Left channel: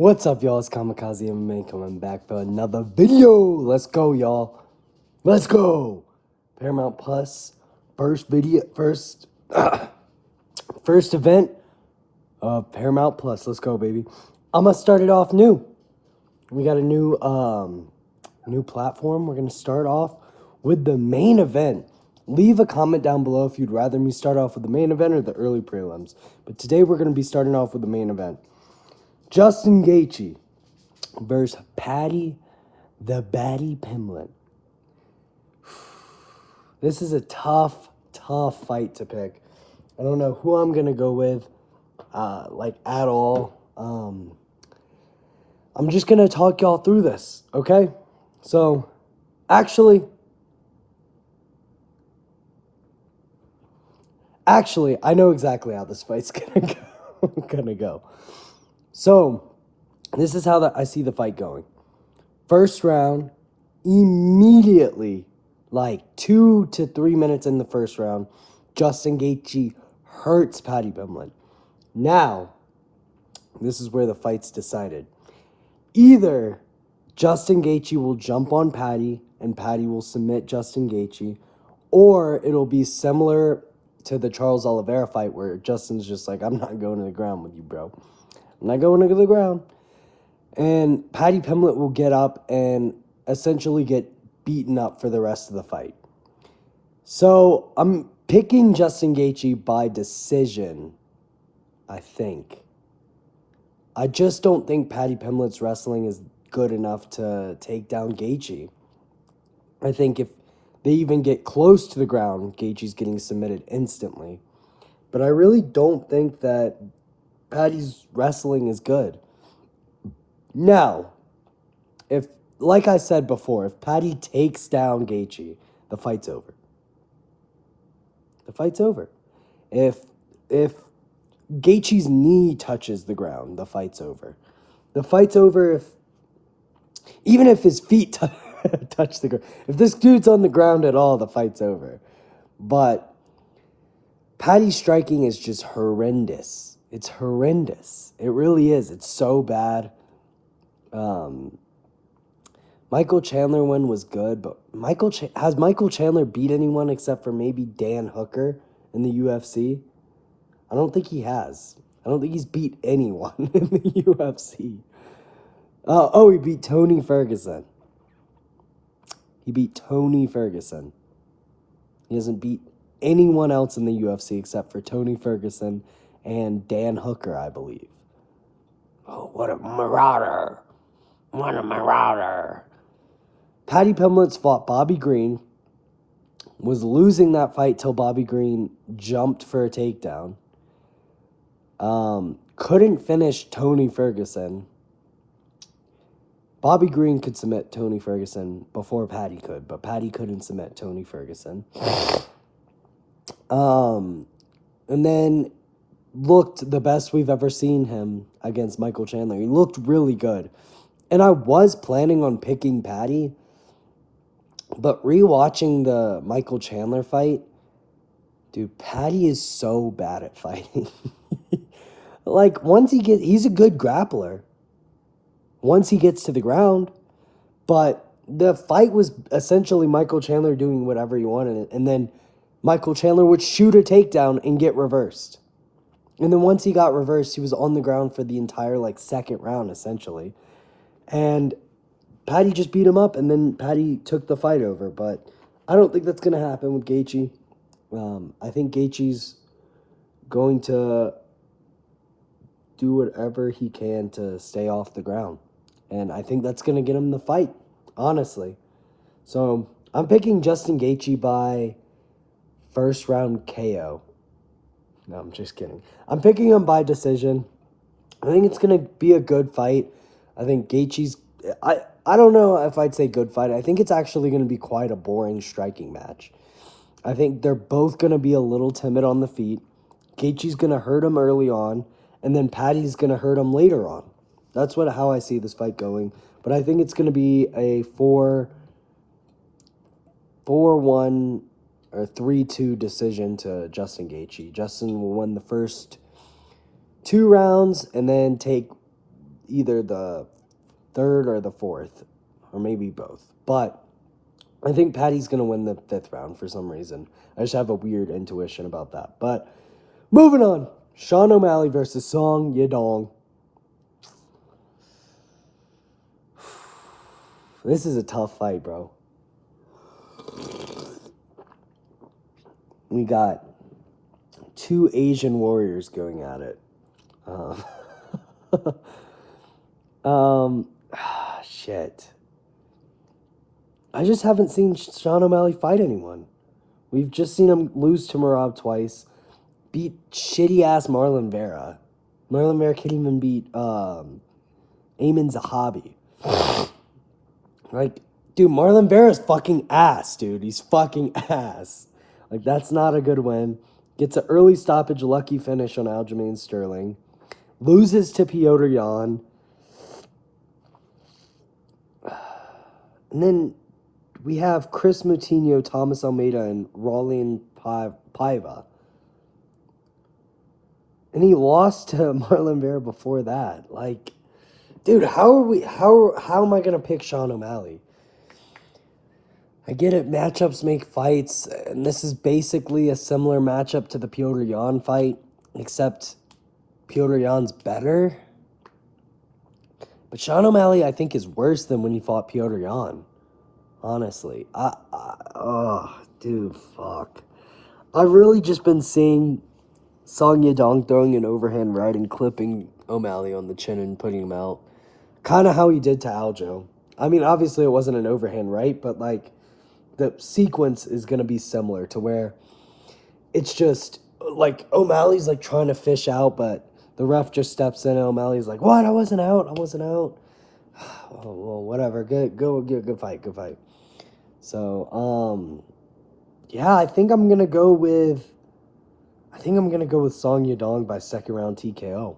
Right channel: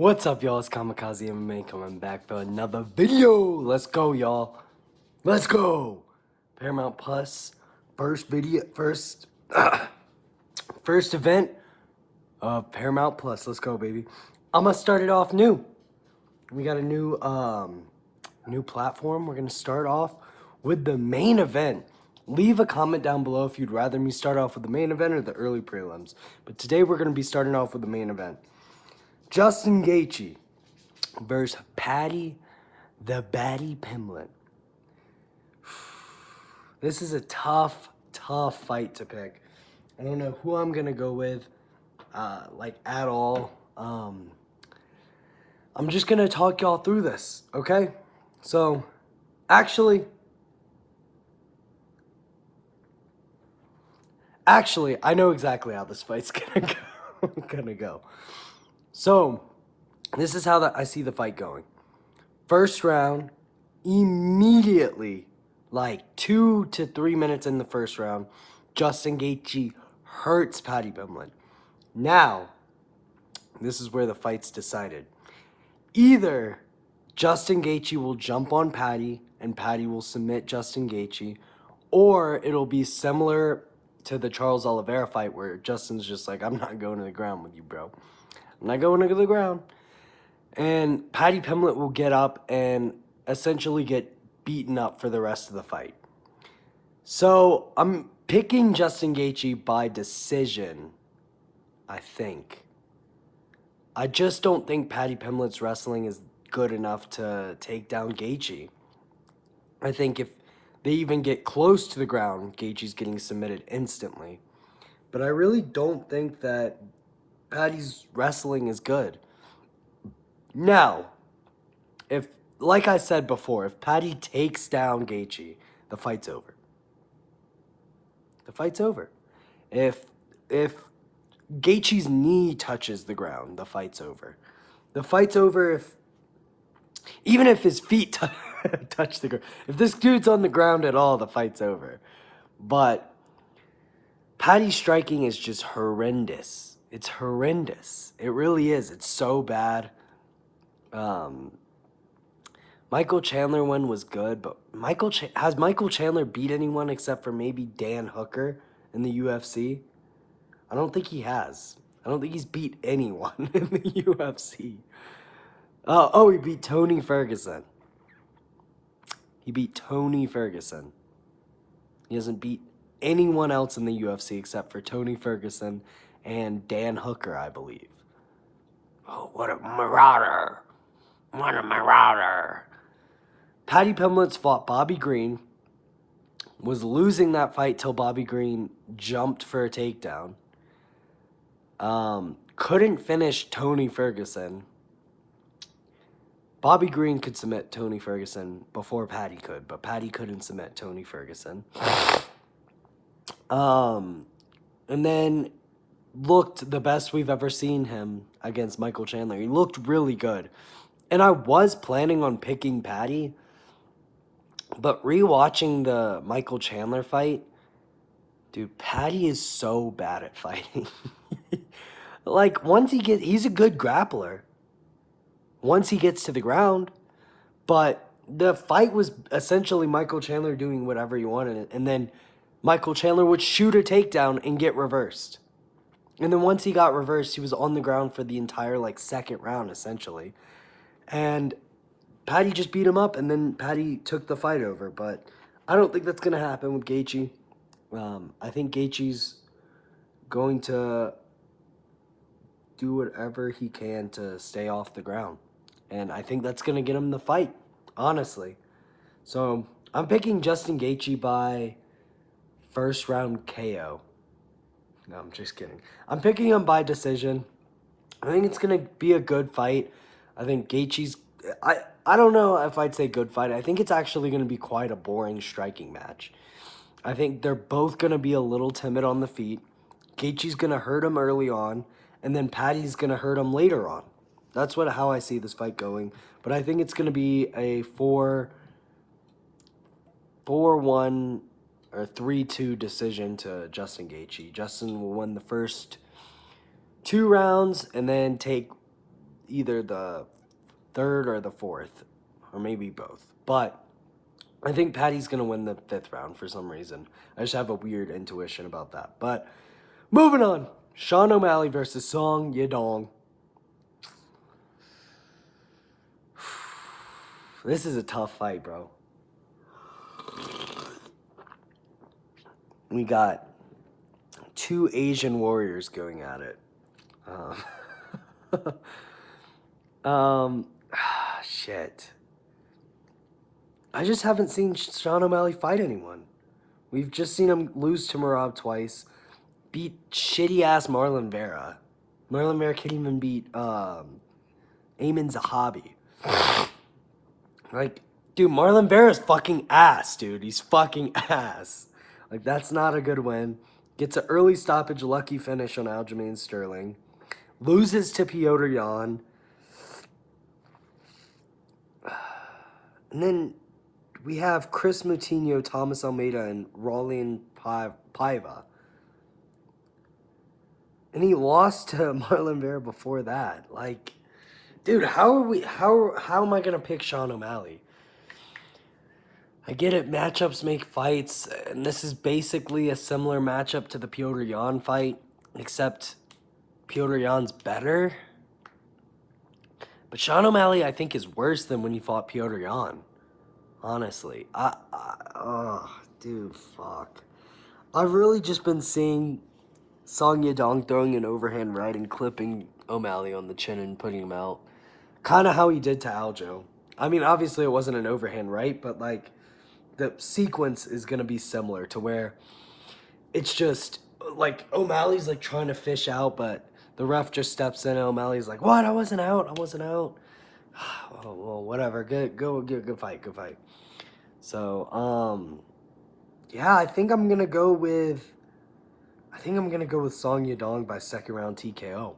What's up, y'all? It's Kamikaze MMA coming back for another video. Let's go, y'all. Let's go. Paramount Plus, first event of Paramount Plus. Let's go, baby. I'm gonna start it off new. We got a new platform. We're gonna start off with the main event. Leave a comment down below if you'd rather me start off with the main event or the early prelims. But today we're gonna be starting off with the main event. Justin Gaethje versus Paddy the Baddy Pimblett. This is a tough fight to pick. I don't know who I'm gonna go with, at all. I'm just gonna talk y'all through this, okay? So, actually, I know exactly how this fight's gonna go. So, this is how I see the fight going. First round, immediately, like 2 to 3 minutes in the first round, Justin Gaethje hurts Paddy Pimblett. Now, this is where the fight's decided. Either Justin Gaethje will jump on Paddy and Paddy will submit Justin Gaethje, or it'll be similar to the Charles Oliveira fight where Justin's just like, I'm not going to the ground with you, bro. I'm not going to the ground. And Paddy Pimblett will get up and essentially get beaten up for the rest of the fight. So I'm picking Justin Gaethje by decision, I think. I just don't think Paddy Pimblett's wrestling is good enough to take down Gaethje. I think if they even get close to the ground, Gaethje's getting submitted instantly. But I really don't think that Paddy's wrestling is good. Now, like I said before, if Paddy takes down Gaethje, the fight's over. The fight's over. If Gaethje's knee touches the ground, the fight's over. The fight's over even if his feet touch the ground. If this dude's on the ground at all, the fight's over. But Paddy's striking is just horrendous. It's horrendous. It really is. It's so bad. Michael Chandler one was good, but has Michael Chandler beat anyone except for maybe Dan Hooker in the UFC? I don't think he has. I don't think he's beat anyone in the UFC. He beat Tony Ferguson. He beat Tony Ferguson. He hasn't beat anyone else in the UFC except for Tony Ferguson and Dan Hooker, I believe. Oh, what a marauder. What a marauder. Paddy Pimblett's fought Bobby Green, was losing that fight till Bobby Green jumped for a takedown. Couldn't finish Tony Ferguson. Bobby Green could submit Tony Ferguson before Paddy could, but Paddy couldn't submit Tony Ferguson. And then looked the best we've ever seen him against Michael Chandler. He looked really good. And I was planning on picking Paddy, but rewatching the Michael Chandler fight, dude, Paddy is so bad at fighting. Like, he's a good grappler once he gets to the ground, but the fight was essentially Michael Chandler doing whatever he wanted, and then Michael Chandler would shoot a takedown and get reversed. And then once he got reversed, he was on the ground for the entire, second round, essentially. And Paddy just beat him up, and then Paddy took the fight over. But I don't think that's going to happen with Gaethje. I think Gaethje's going to do whatever he can to stay off the ground. And I think that's going to get him the fight, honestly. So I'm picking Justin Gaethje by first round KO. No, I'm just kidding. I'm picking him by decision. I think it's going to be a good fight. I think Gaethje's... I don't know if I'd say good fight. I think it's actually going to be quite a boring striking match. I think they're both going to be a little timid on the feet. Gaethje's going to hurt him early on, and then Paddy's going to hurt him later on. That's how I see this fight going. But I think it's going to be a 4-1 or 3-2 decision to Justin Gaethje. Justin will win the first 2 rounds and then take either the third or the fourth, or maybe both. But I think Patty's going to win the 5th round for some reason. I just have a weird intuition about that. But moving on. Sean O'Malley versus Song Yadong. This is a tough fight, bro. We got 2 Asian warriors going at it. Shit. I just haven't seen Sean O'Malley fight anyone. We've just seen him lose to Merab twice, beat shitty-ass Marlon Vera. Marlon Vera can't even beat Ayman Zahabi. Like, dude, Marlon Vera's fucking ass, dude. He's fucking ass. Like, that's not a good win. Gets an early stoppage, lucky finish on Aljamain Sterling. Loses to Piotr Jan. And then we have Chris Moutinho, Thomas Almeida, and Raulian Paiva. And he lost to Marlon Vera before that. Like, dude, how am I going to pick Sean O'Malley? I get it, matchups make fights, and this is basically a similar matchup to the Piotr Jan fight, except Piotr Jan's better. But Sean O'Malley, I think, is worse than when he fought Piotr Jan. Honestly. Dude, fuck. I've really just been seeing Song Yadong throwing an overhand right and clipping O'Malley on the chin and putting him out. Kind of how he did to Aljo. I mean, obviously it wasn't an overhand right, but, like, the sequence is going to be similar to where it's just, like, O'Malley's, like, trying to fish out, but the ref just steps in and O'Malley's like, what? I wasn't out. Oh, well, whatever. Good fight. So, yeah, I think I'm going to go with Song Yadong by 2nd round TKO.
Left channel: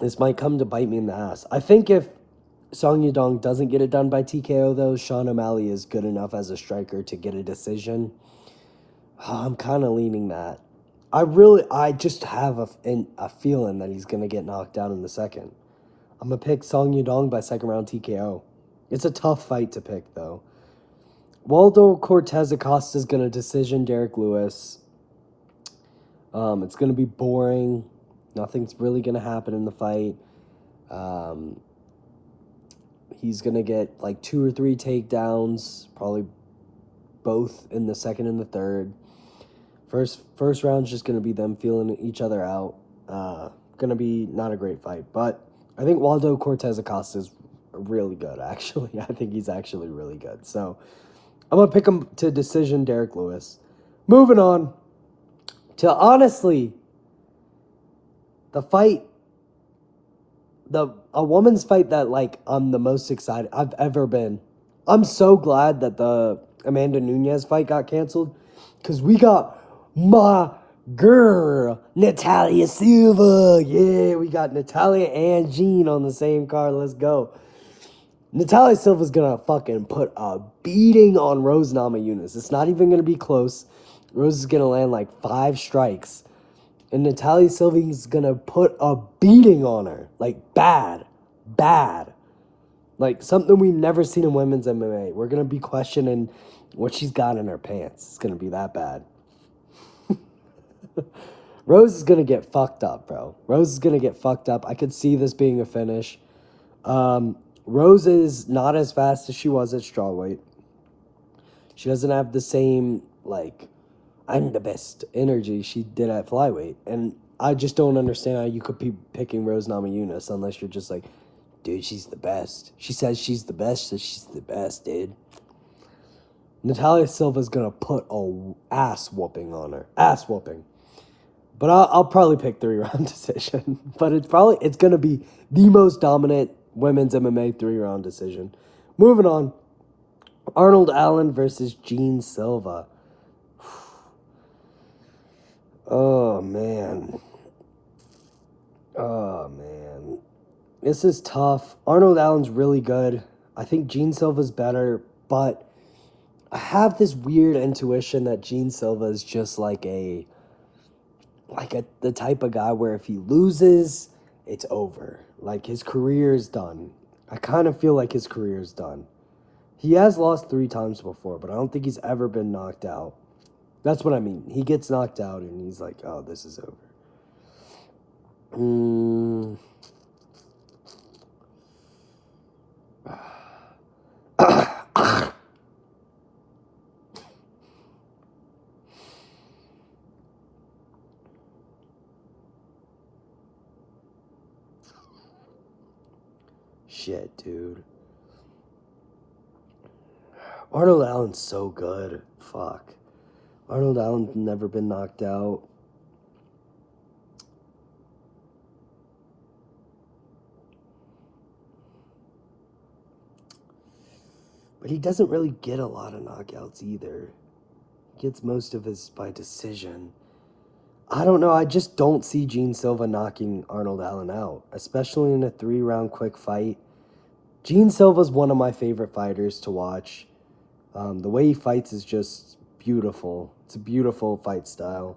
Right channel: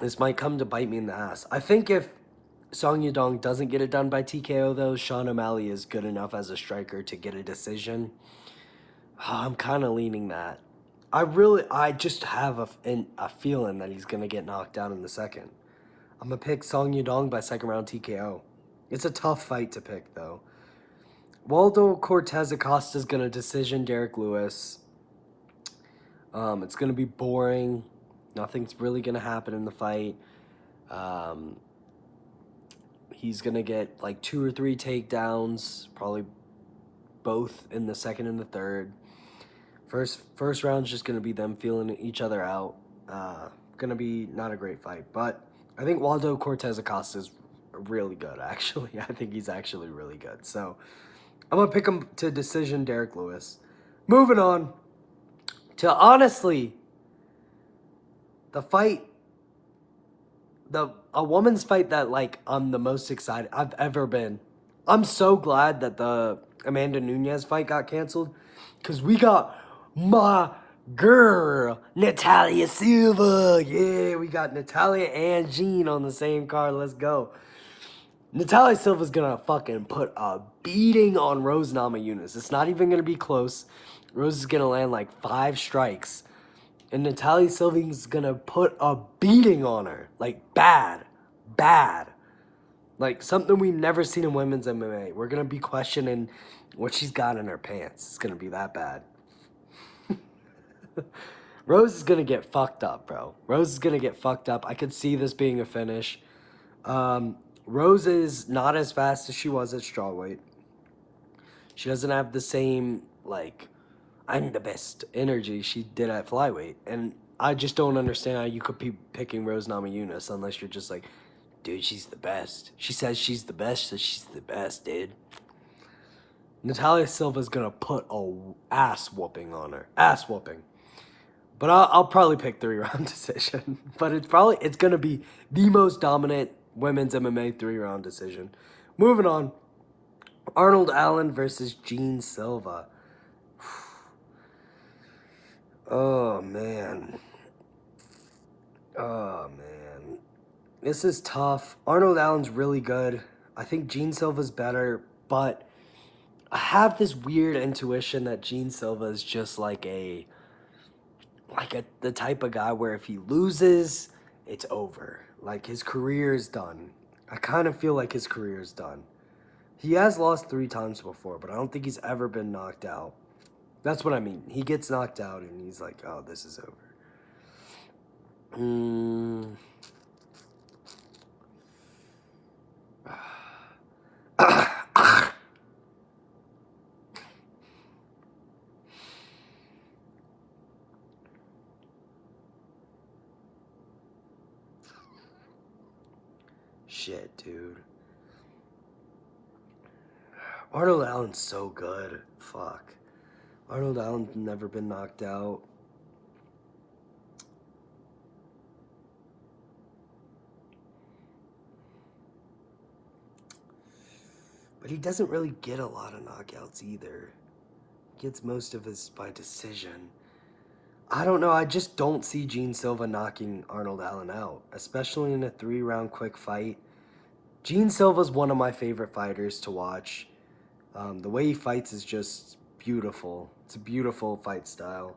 This might come to bite me in the ass. I think if Song Yadong doesn't get it done by TKO, though, Sean O'Malley is good enough as a striker to get a decision. I'm kind of leaning that. I just have a feeling that he's going to get knocked down in the second. I'm going to pick Song Yadong by 2nd round TKO. It's a tough fight to pick, though. Waldo Cortez Acosta is going to decision Derek Lewis. It's going to be boring. Nothing's really going to happen in the fight. He's going to get like 2 or 3 takedowns, probably both in the second and the third. First round's just going to be them feeling each other out. Going to be not a great fight. But I think Waldo Cortez Acosta is really good, actually. I think he's actually really good. So I'm going to pick him to decision Derek Lewis. Moving on to, honestly, the fight, a woman's fight that, like, I'm the most excited I've ever been. I'm so glad that the Amanda Nunes fight got canceled, because we got my girl, Natalia Silva. Yeah, we got Natalia and Jean on the same card. Let's go. Natalia Silva's going to fucking put a beating on Rose Namajunas. It's not even going to be close. Rose is going to land like 5 strikes. And Natalia Silva's going to put a beating on her. Like, bad. Like, something we've never seen in women's MMA. We're going to be questioning what she's got in her pants. It's going to be that bad. Rose is going to get fucked up, bro. Rose is going to get fucked up. I could see this being a finish. Rose is not as fast as she was at strawweight. She doesn't have the same, like, I'm the best energy she did at flyweight. And I just don't understand how you could be picking Rose Namajunas unless you're just like, dude, she's the best. She says she's the best, so she's the best, dude. Natalia Silva's going to put a ass whooping on her. Ass whooping. But I'll probably pick 3-round decision. But it's going to be the most dominant women's MMA 3-round decision. Moving on. Arnold Allen versus Jean Silva. Oh, man. This is tough. Arnold Allen's really good. I think Jean Silva's better, but I have this weird intuition that Jean Silva is just the type of guy where if he loses, it's over. Like, his career is done. I kind of feel like his career is done. He has lost 3 times before, but I don't think he's ever been knocked out. That's what I mean. He gets knocked out and he's like, oh, this is over. Shit, dude. Arnold Allen's so good. Fuck. Arnold Allen's never been knocked out. But he doesn't really get a lot of knockouts either. He gets most of his by decision. I don't know. I just don't see Gene Silva knocking Arnold Allen out, especially in a 3-round quick fight. Gene Silva's one of my favorite fighters to watch. The way he fights is just beautiful. It's a beautiful fight style.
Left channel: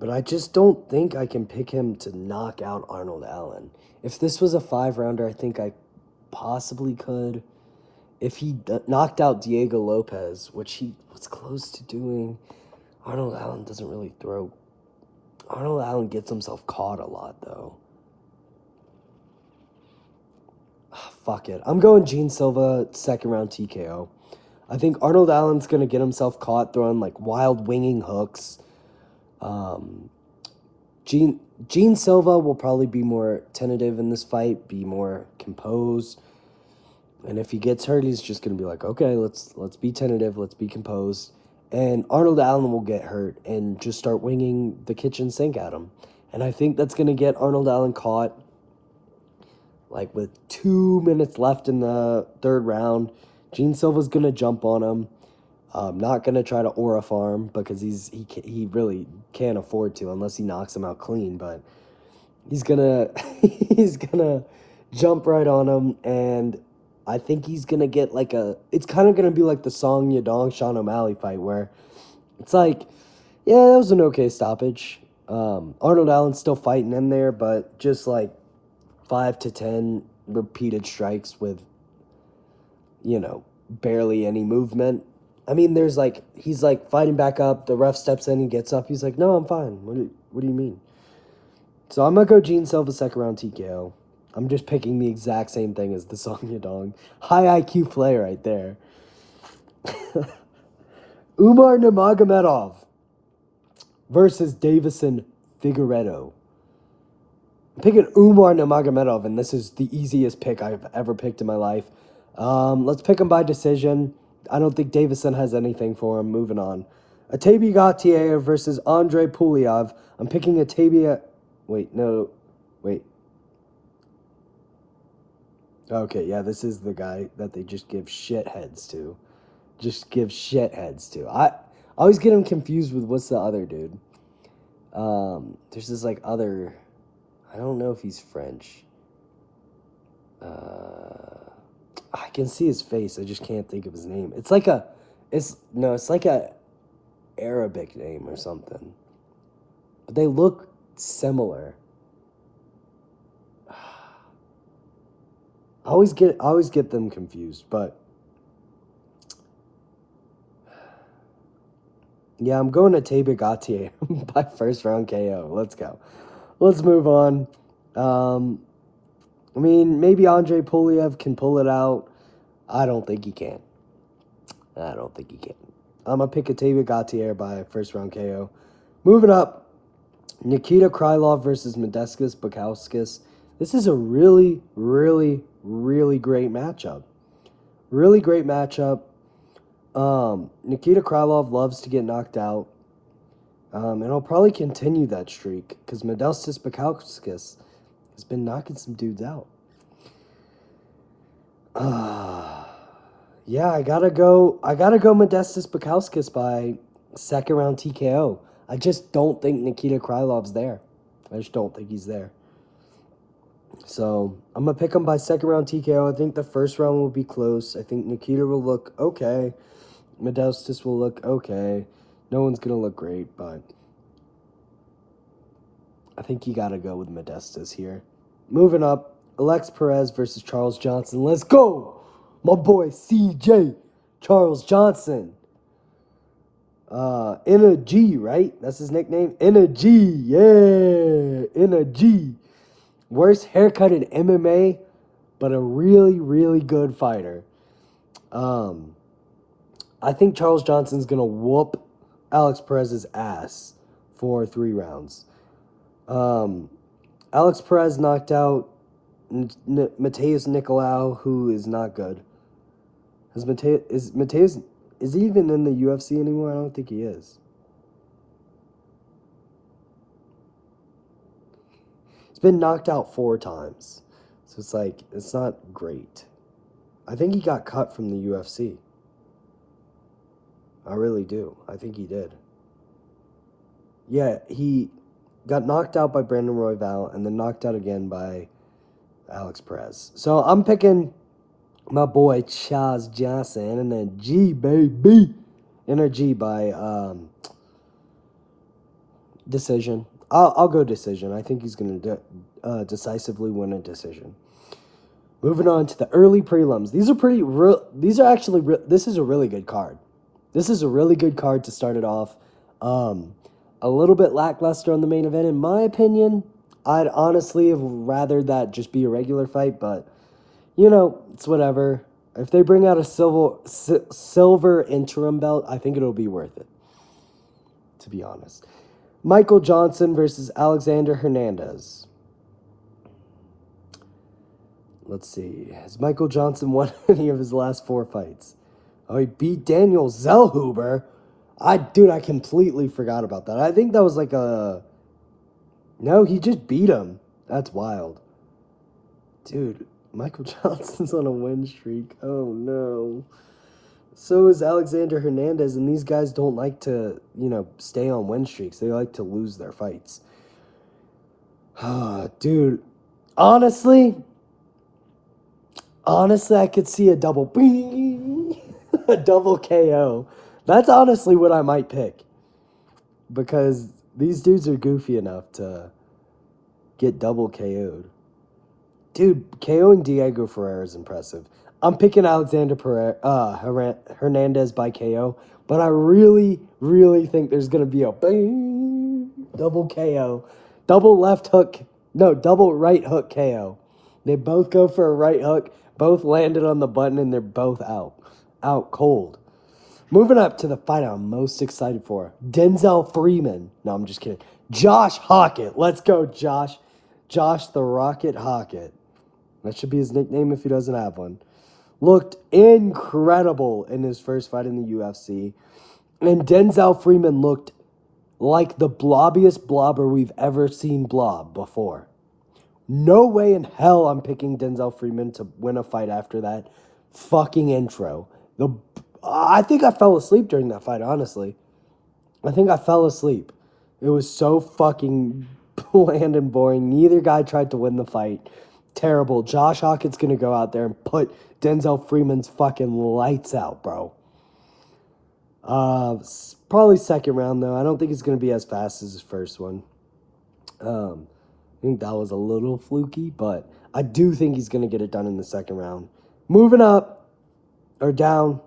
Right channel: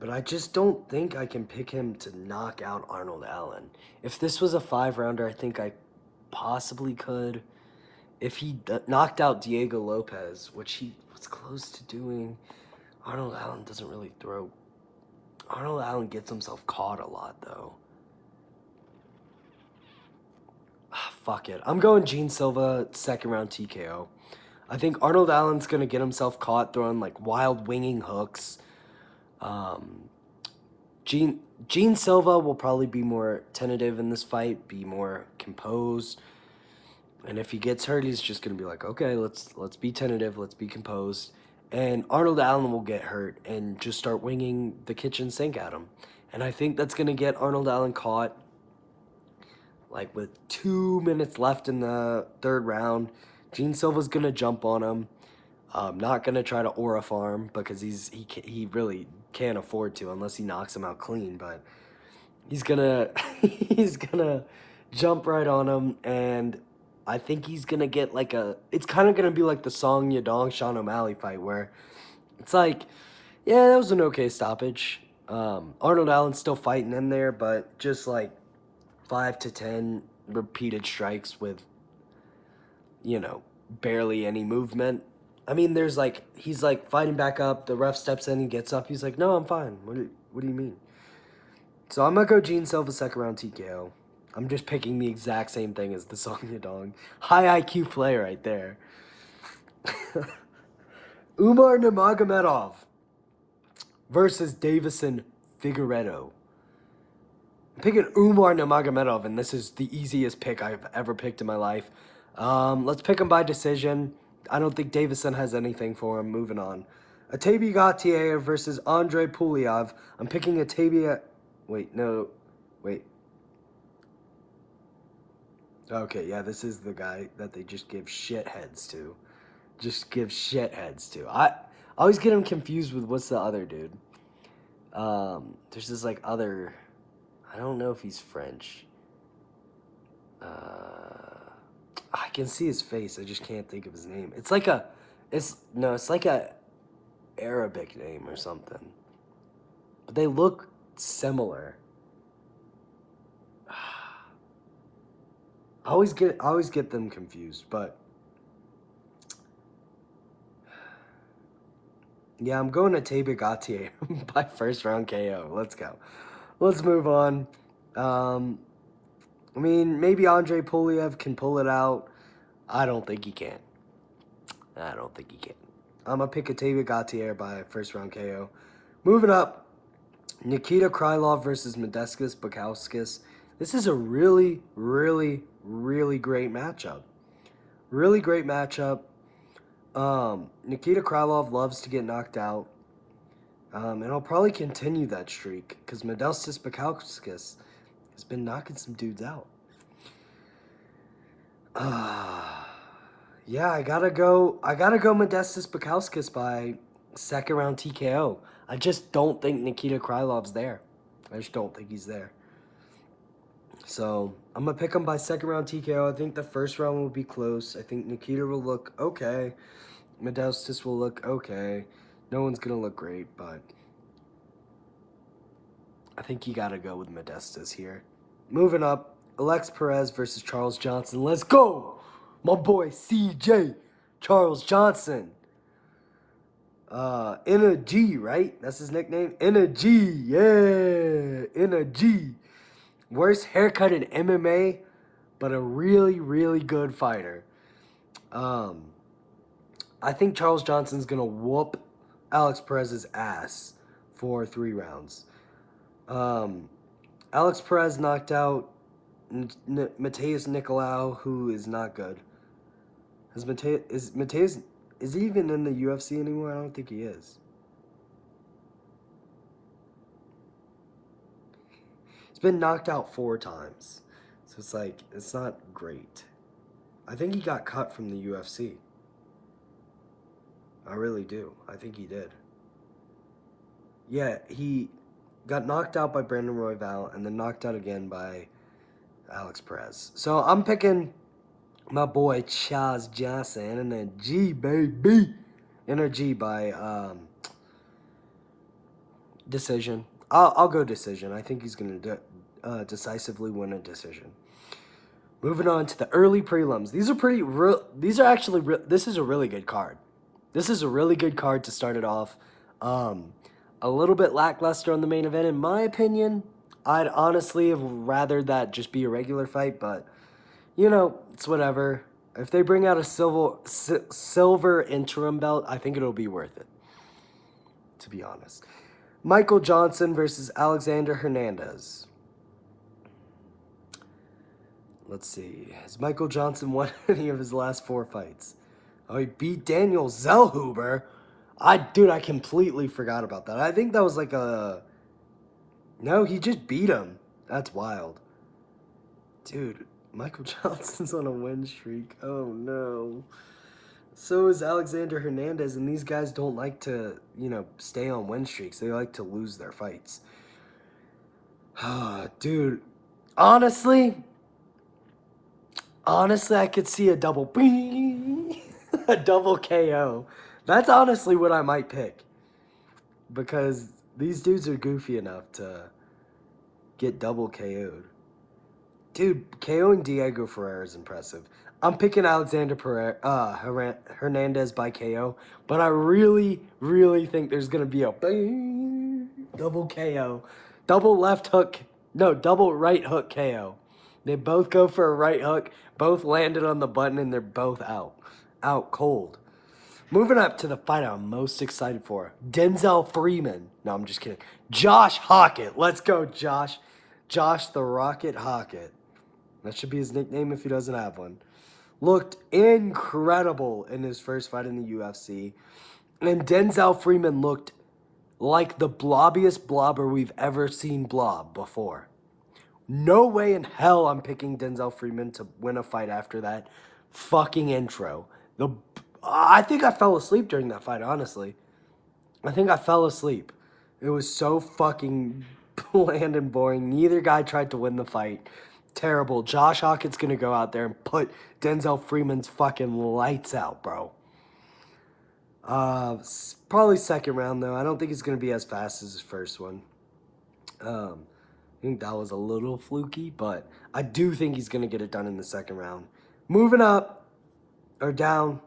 But I just don't think I can pick him to knock out Arnold Allen. If this was a 5-rounder, I think I possibly could. If he knocked out Diego Lopez, which he was close to doing, Arnold Allen doesn't really throw. Arnold Allen gets himself caught a lot, though. Fuck it. I'm going Gene Silva, 2nd round TKO. I think Arnold Allen's going to get himself caught throwing like wild winging hooks. Gene Silva will probably be more tentative in this fight, be more composed. And if he gets hurt, he's just going to be like, okay, let's be tentative, let's be composed. And Arnold Allen will get hurt and just start winging the kitchen sink at him. And I think that's going to get Arnold Allen caught like with 2 minutes left in the 3rd round. Gene Silva's going to jump on him. Not going to try to aura farm because he really can't afford to unless he knocks him out clean. But he's going to he's gonna jump right on him, and I think he's going to get like it's kind of going to be like the Song Yadong Sean O'Malley fight where it's like, yeah, that was an okay stoppage. Arnold Allen's still fighting in there, but just like 5 to 10 repeated strikes with, barely any movement. I mean, he's like fighting back up. The ref steps in, he gets up. He's like, no, I'm fine. What do you mean? So I'm going to go Gene Silva 2nd round TKO. I'm just picking the exact same thing as the Song Yadong. High IQ play right there. Umar Nurmagomedov versus Davison Figueiredo. I'm picking Umar Nurmagomedov, and this is the easiest pick I've ever picked in my life. Let's pick him by decision. I don't think Davison has anything for him. Moving on. Atabi Gautier versus Andre Pulyav. I'm picking Atabi. Wait. Okay, yeah, this is the guy that they just give shitheads to. I always get him confused with what's the other dude. There's this like other. I don't know if he's French. I can see his face. I just can't think of his name. It's like a Arabic name or something. But they look similar. I always get them confused, but yeah, I'm going to Atabi Gautier by 1st round KO. Let's go. Let's move on. I mean, maybe Andre Pulyav can pull it out. I don't think he can. I'm going to pick Atabi Gautier by 1st round KO. Moving up, Nikita Krylov versus Modestas Bukauskas. This is a really, really, really great matchup. Nikita Krylov loves to get knocked out. And I'll probably continue that streak because Modestas Bukauskas has been knocking some dudes out. Yeah, I gotta go Modestas Bukauskas by 2nd round TKO. I just don't think Nikita Krylov's there. I just don't think he's there. So I'm gonna pick him by 2nd round TKO. I think the 1st round will be close. I think Nikita will look okay. Modestas will look okay. No one's gonna look great, but I think you got to go with Modestas here. Moving up, Alex Perez versus Charles Johnson. Let's go! My boy CJ Charles Johnson. In a G, right? That's his nickname? In a G, yeah. In a G. Worst haircut in MMA, but a really, really good fighter. I think Charles Johnson's going to whoop Alex Perez's ass for 3 rounds. Alex Perez knocked out Mateus Nicolau, who is not good. Is he even in the UFC anymore? I don't think he is. He's been knocked out 4 times. So it's like, it's not great. I think he got cut from the UFC. I really do. I think he did. Yeah, he got knocked out by Brandon Royval and then knocked out again by Alex Perez. So I'm picking my boy Charles Johnson and then G, baby. Energy by decision. I'll go decision. I think he's going to decisively win a decision. Moving on to the early prelims. These are actually this is a really good card. This is a really good card to start it off. A little bit lackluster on the main event, in my opinion. I'd honestly have rather that just be a regular fight, but, you know, it's whatever. If they bring out a silver interim belt, I think it'll be worth it, to be honest. Michael Johnson versus Alexander Hernandez. Let's see. Has Michael Johnson won any of his last 4 fights? Oh, he beat Daniel Zellhuber. I completely forgot about that. I think that was like a... No, he just beat him. That's wild. Dude, Michael Johnson's on a win streak. Oh, no. So is Alexander Hernandez, and these guys don't like to, stay on win streaks. They like to lose their fights. Dude, honestly, I could see a double a double KO. That's honestly what I might pick. Because these dudes are goofy enough to get double KO'd. Dude, KOing Diego Ferreira is impressive. I'm picking Alexander Hernandez by KO, but I really, really think there's going to be a double KO. Double right hook KO. They both go for a right hook, both landed on the button, and they're both out. Out cold. Moving up to the fight I'm most excited for. Denzel Freeman. No, I'm just kidding. Josh Hockett. Let's go, Josh. Josh the Rocket Hockett. That should be his nickname if he doesn't have one. Looked incredible in his first fight in the UFC. And Denzel Freeman looked like the blobbiest blobber we've ever seen blob before. No way in hell I'm picking Denzel Freeman to win a fight after that fucking intro. I think I fell asleep during that fight, honestly. I think I fell asleep. It was so fucking bland and boring. Neither guy tried to win the fight. Terrible. Josh Hockett's going to go out there and put Denzel Freeman's fucking lights out, bro. Probably second round, though. I don't think it's going to be as fast as his first one. I think that was a little fluky, but I do think he's going to get it done in the second round. Moving up, or down,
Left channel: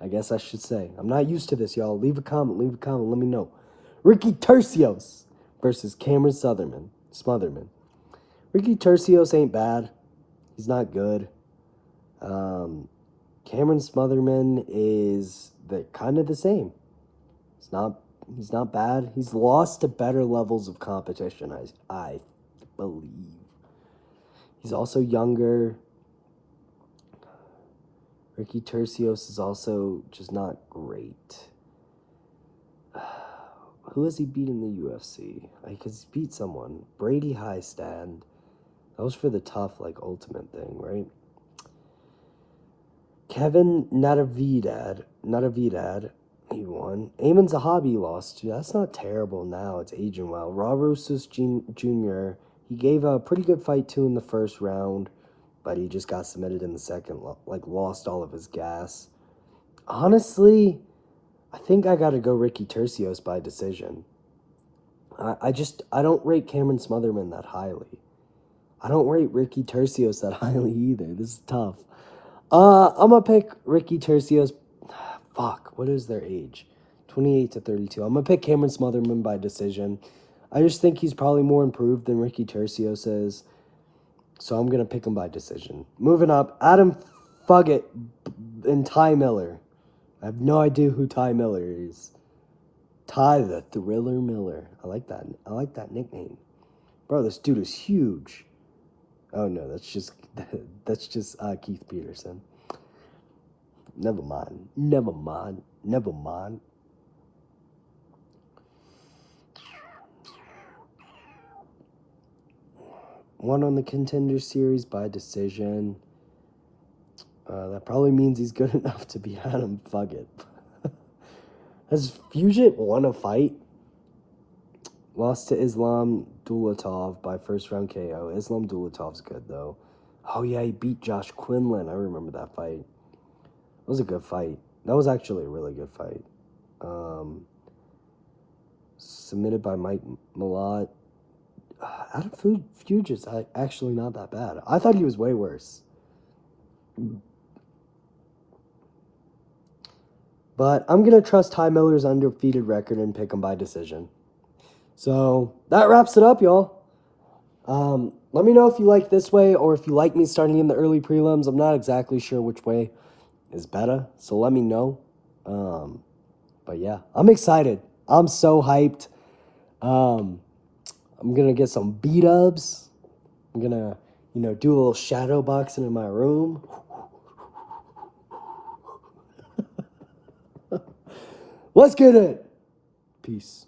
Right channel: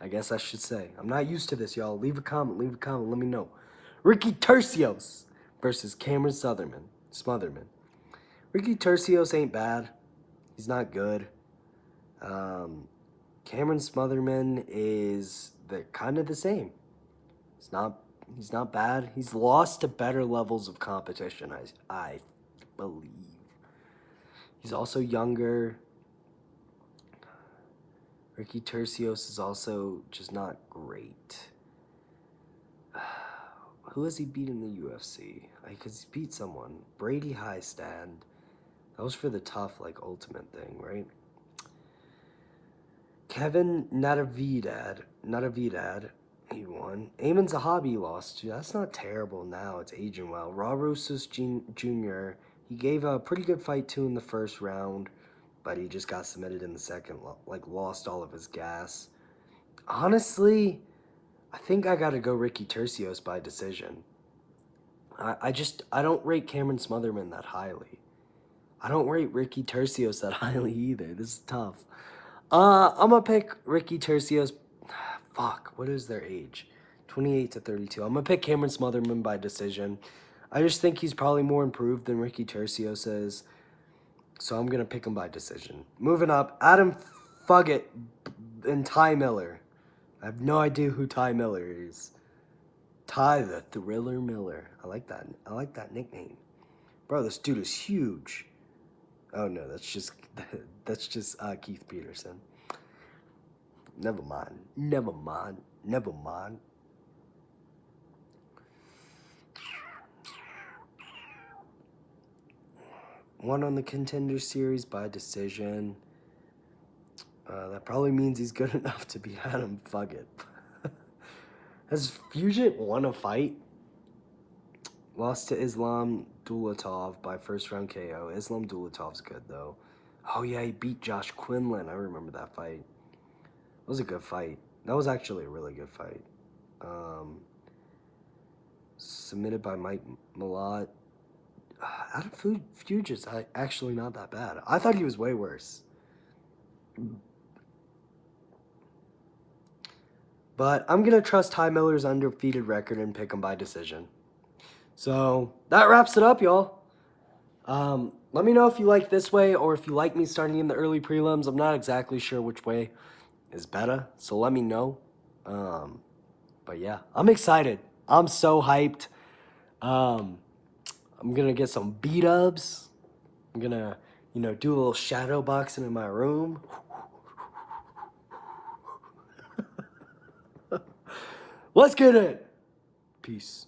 I guess I should say. I'm not used to this, y'all. Leave a comment, let me know. Ricky Tercios versus Cameron Smotherman. Ricky Tercios ain't bad. He's not good. Cameron Smotherman is kind of the same. He's not bad. He's lost to better levels of competition, I believe. He's also younger. Ricky Tercios is also just not great. Who has he beat in the UFC? Because he beat someone. Brady Highstand. That was for the tough, ultimate thing, right? Kevin Natividad, he won. Ayman Zahabi lost to. That's not terrible now. It's aging well. Raw Rosas Jr., he gave a pretty good fight, too, in the first round, but he just got submitted in the second, lost all of his gas. Honestly, I think I got to go Ricky Tercios by decision. I don't rate Cameron Smotherman that highly. I don't rate Ricky Tercios that highly either. This is tough. I'm gonna pick Ricky Tercios. Fuck, what is their age? 28 to 32. I'm gonna pick Cameron Smotherman by decision. I just think he's probably more improved than Ricky Tercios is. So I'm gonna pick him by decision. Moving up, Adam Fuggett and Ty Miller. I have no idea who Ty Miller is. Ty the Thriller Miller. I like that. I like that nickname. Bro, this dude is huge. Oh no, that's just Keith Peterson. Never mind. Never mind. Never mind. Won on the Contender Series by decision. That probably means he's good enough to beat Adam Fuggett. Has Fugit won a fight? Lost to Islam Dulatov by first round KO. Islam Dulatov's good though. Oh yeah, he beat Josh Quinlan. I remember that fight. It was a good fight. That was actually a really good fight. Submitted by Mike Malott. Adam Fugit's actually not that bad. I thought he was way worse. But I'm going to trust Ty Miller's undefeated record and pick him by decision. So that wraps it up, y'all. Let me know if you like this way or if you like me starting in the early prelims. I'm not exactly sure which way is better, so let me know. But yeah, I'm excited. I'm so hyped. I'm going to get some beat-ups. I'm going to, do a little shadow boxing in my room. Let's get it. Peace.